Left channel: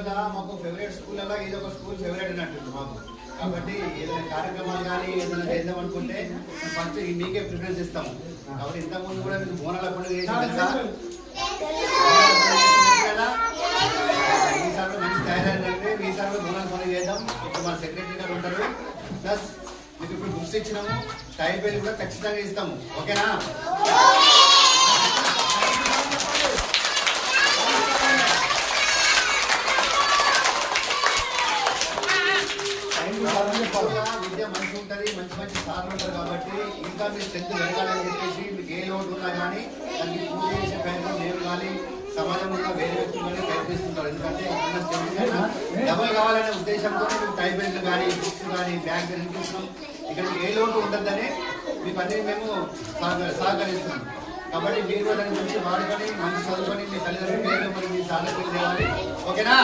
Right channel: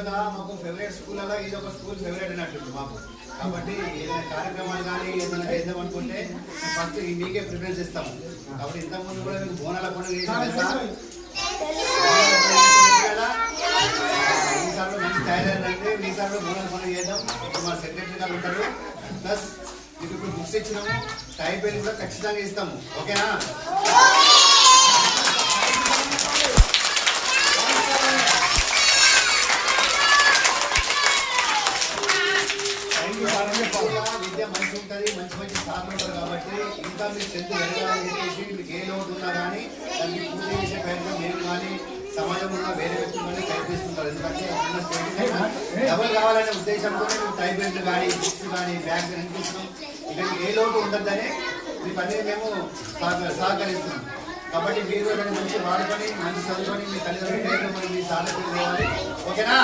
స్కూల్లో మాకు ఫేవరెట్ స్కూల్లో ఇది ఒక స్కూల్ ఫేవరెట్ అన్నట్టు మాకు. కాబట్టి ఏదైనా కార్యక్రమాలు కానీ ఏదైనా చేద్దాం అనుకుంటే ఫస్ట్ మీకే ప్రిఫరెన్స్ ఇస్తాము. కాబట్టి ఇంతకుముందు కూడా మీకు బోనాల పండుగ చేసి తెలుసా కదా. ఈసారి మంచి తయారైందంటే ఈసారి బోనాల పండుగ చేద్దాం. ఇప్పుడు మన సెక్రటరీ గారు ఉంటారు. ప్లస్ మీకు ఇప్పుడు బుక్స్ ఇచ్చినాము, టైబెల్ కూడా ఖచ్చితంగా ఇస్తాము. ఓకేనా? విద్య మంచి ఉంటుంది, మంచి మంచి సార్లు ఉంటారు. కాబట్టి ఇంకా మీరు స్ట్రెంత్ పెరగాలని చెప్పేసి మీకు ఏ లోటు ఉన్నా కానీ దానికి పూజ చేసే ప్రయత్నం నేను కానీ సమాజంలో ఉన్న వేరే వ్యక్తులు కానీ ప్రయత్నిస్తుంటారు. ఎందుకంటే డబుల్ కావాలనే ఉద్దేశంతో మేము టైబెల్ట్లు కానీ బుక్స్ కానీ బ్యాగ్ ఇస్తున్నాం. ఇక్కడ ఏ లోటు ఉండద్దని మీకు అనేది మేము సహకరిస్తున్నాం. కాబట్టి మీరు దాన్ని మంచి వాడుకొని మంచి చదువుకొని మీ తల్లిదండ్రుల పేరు మరి మీ సార్ల పేరు తేవాలి. ఓకేనా?